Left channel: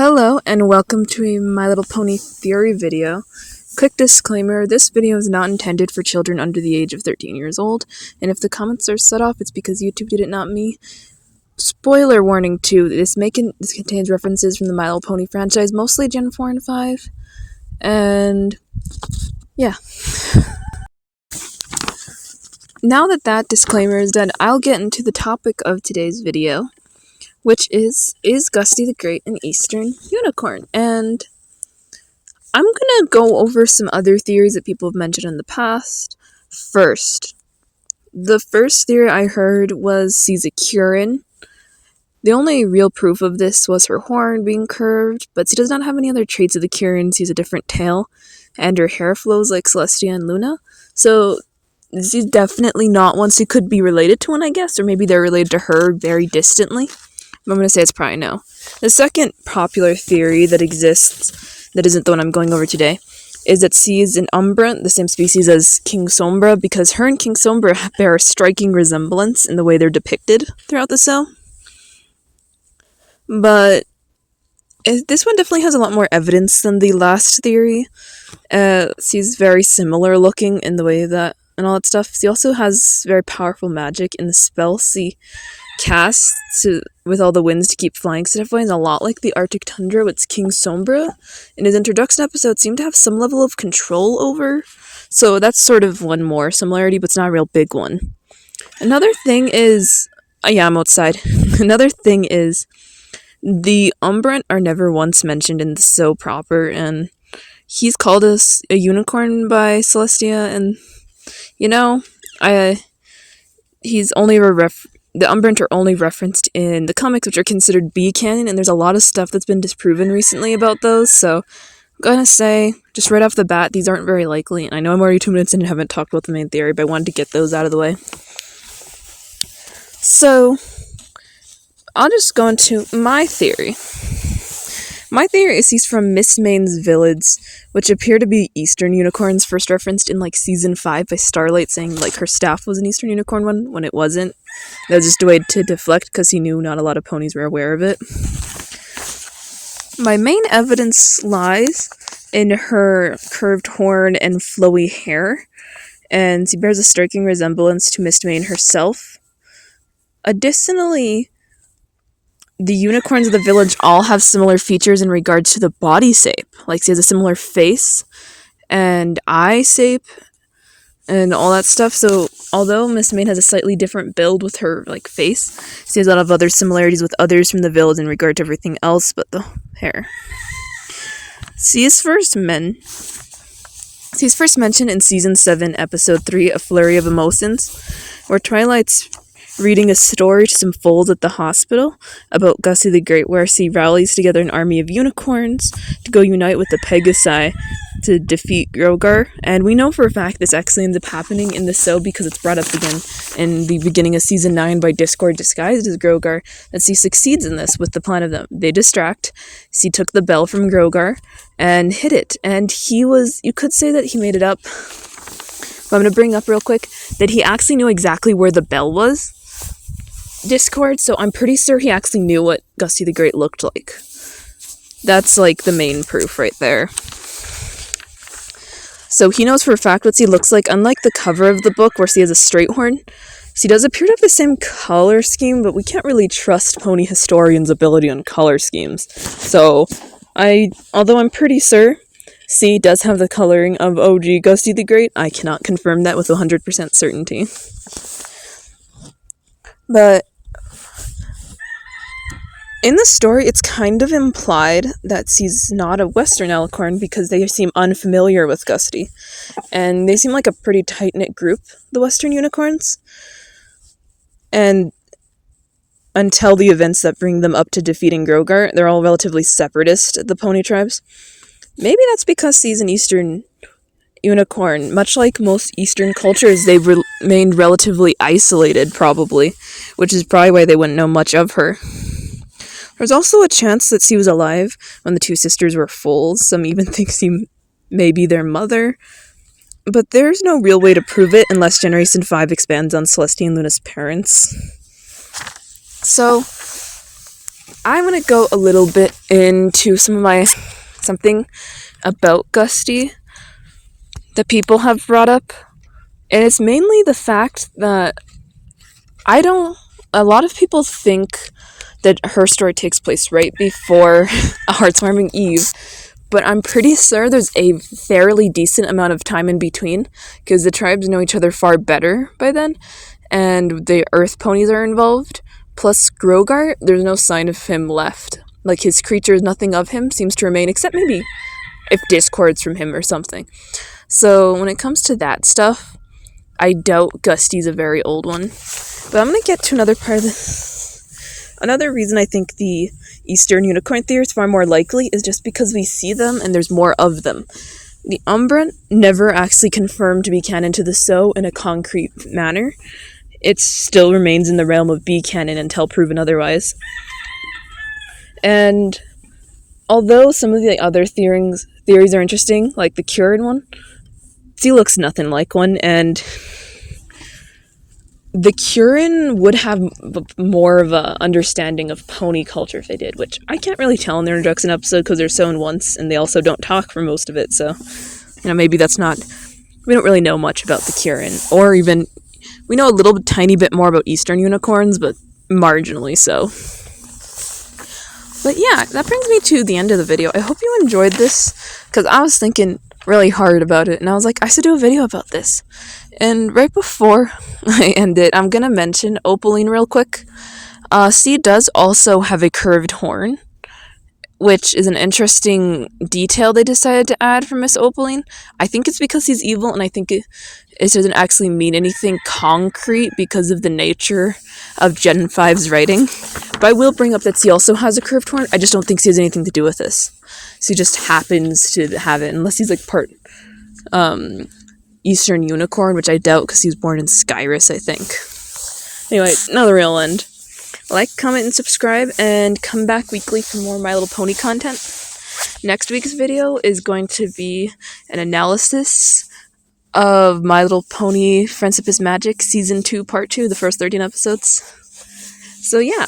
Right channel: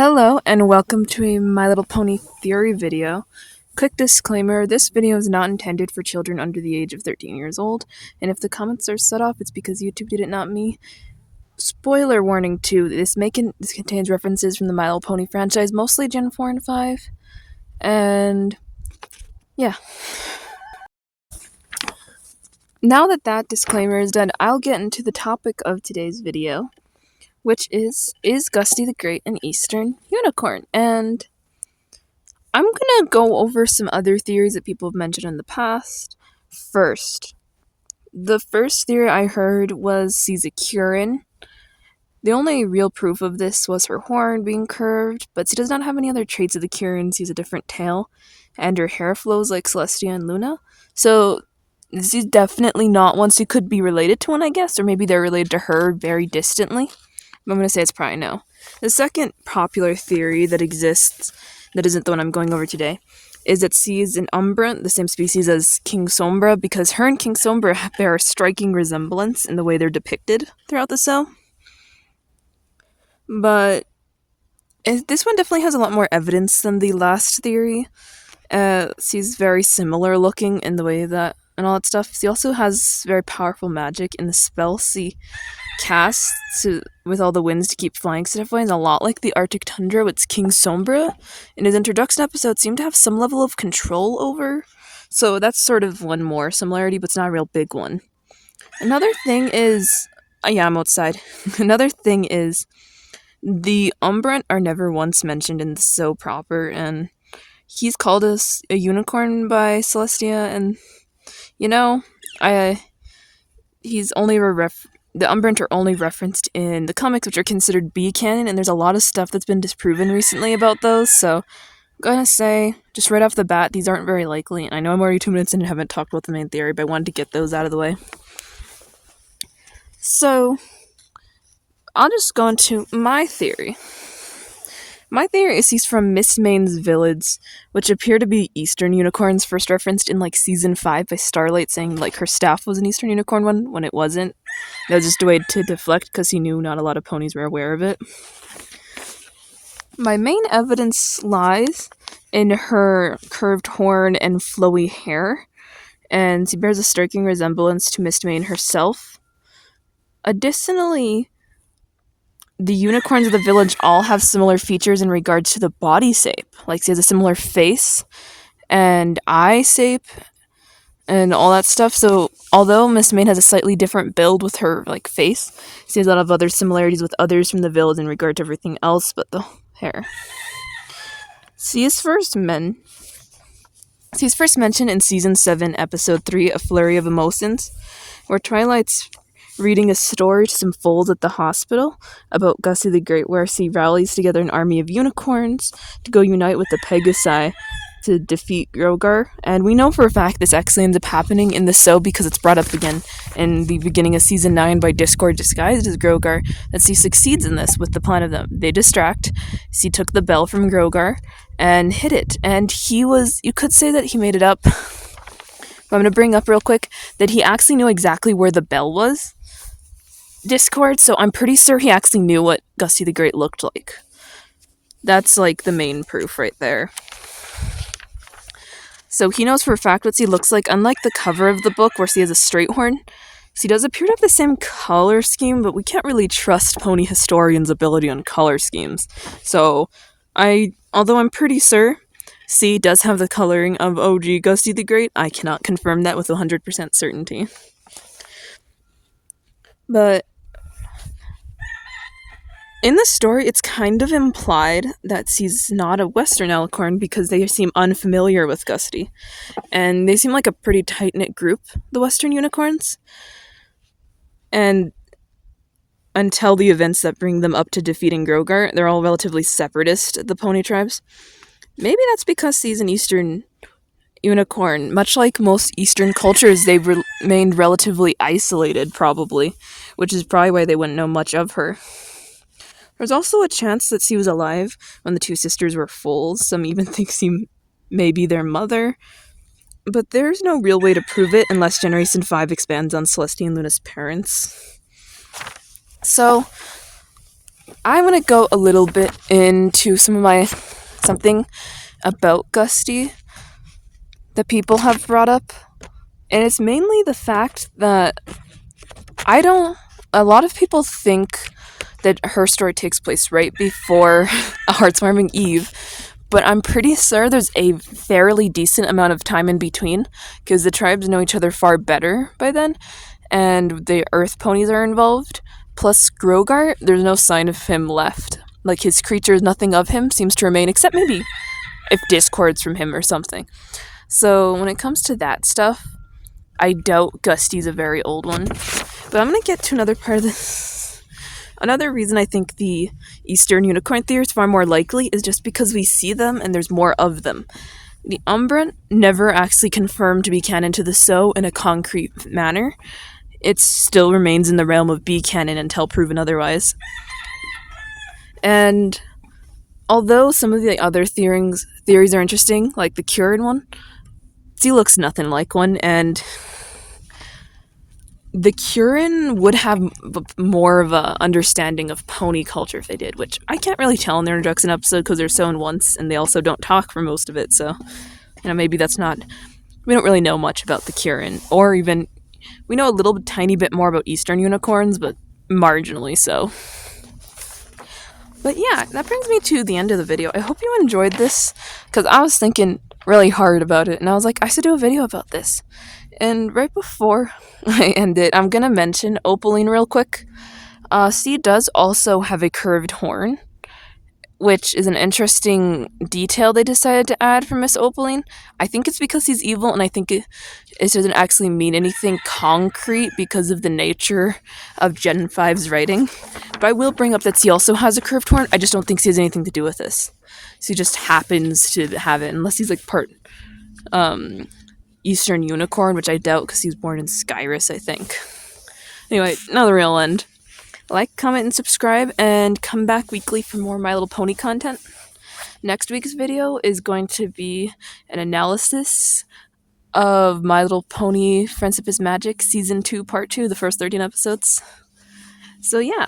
Hello and welcome to a My Little Pony theory video. Quick disclaimer, this video is not intended for children under the age of 13 years old, and if the comments are set off, it's because YouTube did it, not me. Spoiler warning too, this contains references from the My Little Pony franchise, mostly Gen 4 and 5, and yeah. Now that disclaimer is done, I'll get into the topic of today's video, which is Gusty the Great an Eastern unicorn? And I'm gonna go over some other theories that people have mentioned in the past. First, the first theory I heard was she's a Curin. The only real proof of this was her horn being curved, but she does not have any other traits of the Curin. She has a different tail, and her hair flows like Celestia and Luna. So she's definitely not one. She could be related to one, I guess, or maybe they're related to her very distantly. I'm going to say it's probably no. The second popular theory that exists, that isn't the one I'm going over today, is that she is an Umbra, the same species as King Sombra, because her and King Sombra bear a striking resemblance in the way they're depicted throughout the cell. But this one definitely has a lot more evidence than the last theory. She's very similar looking in the way that, and all that stuff. She also has very powerful magic in the spell she casts with all the winds to keep flying stuff away, is a lot like the Arctic Tundra with King Sombra. In his introduction episode, seemed to have some level of control over, so that's sort of one more similarity, but it's not a real big one. Another thing is, yeah, I'm outside. Another thing is, the Umbrant are never once mentioned in the show proper, and he's called us a unicorn by Celestia, and, you know, he's only the Umbrant are only referenced in the comics, which are considered B canon, and there's a lot of stuff that's been disproven recently about those, so I'm gonna say, just right off the bat, these aren't very likely, and I know I'm already 2 minutes in and haven't talked about the main theory, but I wanted to get those out of the way. So, I'll just go into my theory. My theory is he's from Mistmane's village, which appear to be Eastern unicorns, first referenced in, Season 5 by Starlight, saying, her staff was an Eastern unicorn one, when it wasn't. That was just a way to deflect, because he knew not a lot of ponies were aware of it. My main evidence lies in her curved horn and flowy hair, and she bears a striking resemblance to Mistmane herself. Additionally, the unicorns of the village all have similar features in regards to the body shape. She has a similar face and eye shape and all that stuff. So, although Mistmane has a slightly different build with her, face, she has a lot of other similarities with others from the village in regard to everything else but the hair. She's first mentioned in Season 7, Episode 3, A Flurry of Emotions, where Twilight's reading a story to some foals at the hospital about Gusty the Great, where she rallies together an army of unicorns to go unite with the Pegasi to defeat Grogar. And we know for a fact this actually ends up happening in the show because it's brought up again in the beginning of Season 9 by Discord disguised as Grogar, that she succeeds in this with the plan of them. They distract. She took the bell from Grogar and hid it. And you could say that he made it up. But I'm going to bring up real quick that he actually knew exactly where the bell was. Discord, so I'm pretty sure he actually knew what Gusty the Great looked like. That's the main proof right there. So he knows for a fact what she looks like. Unlike the cover of the book where she has a straight horn, she does appear to have the same color scheme, but we can't really trust pony historians' ability on color schemes. So although I'm pretty sure she does have the coloring of OG Gusty the Great, I cannot confirm that with 100% certainty. But in the story, it's kind of implied that she's not a Western Alicorn because they seem unfamiliar with Gusty. And they seem like a pretty tight-knit group, the Western Unicorns. And until the events that bring them up to defeating Grogar, they're all relatively separatist, the pony tribes. Maybe that's because she's an Eastern unicorn. Much like most Eastern cultures, they've remained relatively isolated, probably, which is probably why they wouldn't know much of her. There's also a chance that she was alive when the two sisters were foals. Some even think she may be their mother. But there's no real way to prove it unless Generation 5 expands on Celestia and Luna's parents. So, I'm gonna go a little bit into something about Gusty that people have brought up. And it's mainly the fact that a lot of people think that her story takes place right before A Heartwarming Eve, but I'm pretty sure there's a fairly decent amount of time in between, because the tribes know each other far better by then, and the earth ponies are involved. Plus, Grogart, there's no sign of him left. Like, his creatures, nothing of him seems to remain, except maybe if discords from him or something. So, when it comes to that stuff, I doubt Gusty's a very old one. But I'm going to get to another part of this. Another reason I think the Eastern Unicorn theory is far more likely is just because we see them and there's more of them. The Umbra never actually confirmed to be canon to the So in a concrete manner. It still remains in the realm of B canon until proven otherwise. And although some of the other theories are interesting, like the Curin one, he looks nothing like one, and the Curin would have more of a understanding of pony culture if they did, which I can't really tell in their introduction episode because they're sown once and they also don't talk for most of it, so maybe that's not, we don't really know much about the Curin, or even, we know a little tiny bit more about Eastern unicorns, but marginally so. But yeah, that brings me to the end of the video. I hope you enjoyed this, because I was thinking really hard about it, and I was like, I should do a video about this. And right before I end it, I'm gonna mention Opaline real quick. C does also have a curved horn, which is an interesting detail they decided to add for Miss Opaline. I think it's because he's evil, and I think it doesn't actually mean anything concrete because of the nature of Gen 5's writing. But I will bring up that C also has a curved horn. I just don't think C has anything to do with this. So he just happens to have it, unless he's like part Eastern Unicorn, which I doubt because he was born in Skyrus, I think. Anyway, another real end. Like, comment, and subscribe, and come back weekly for more My Little Pony content. Next week's video is going to be an analysis of My Little Pony Friendship is Magic Season 2, Part 2, the first 13 episodes. So yeah.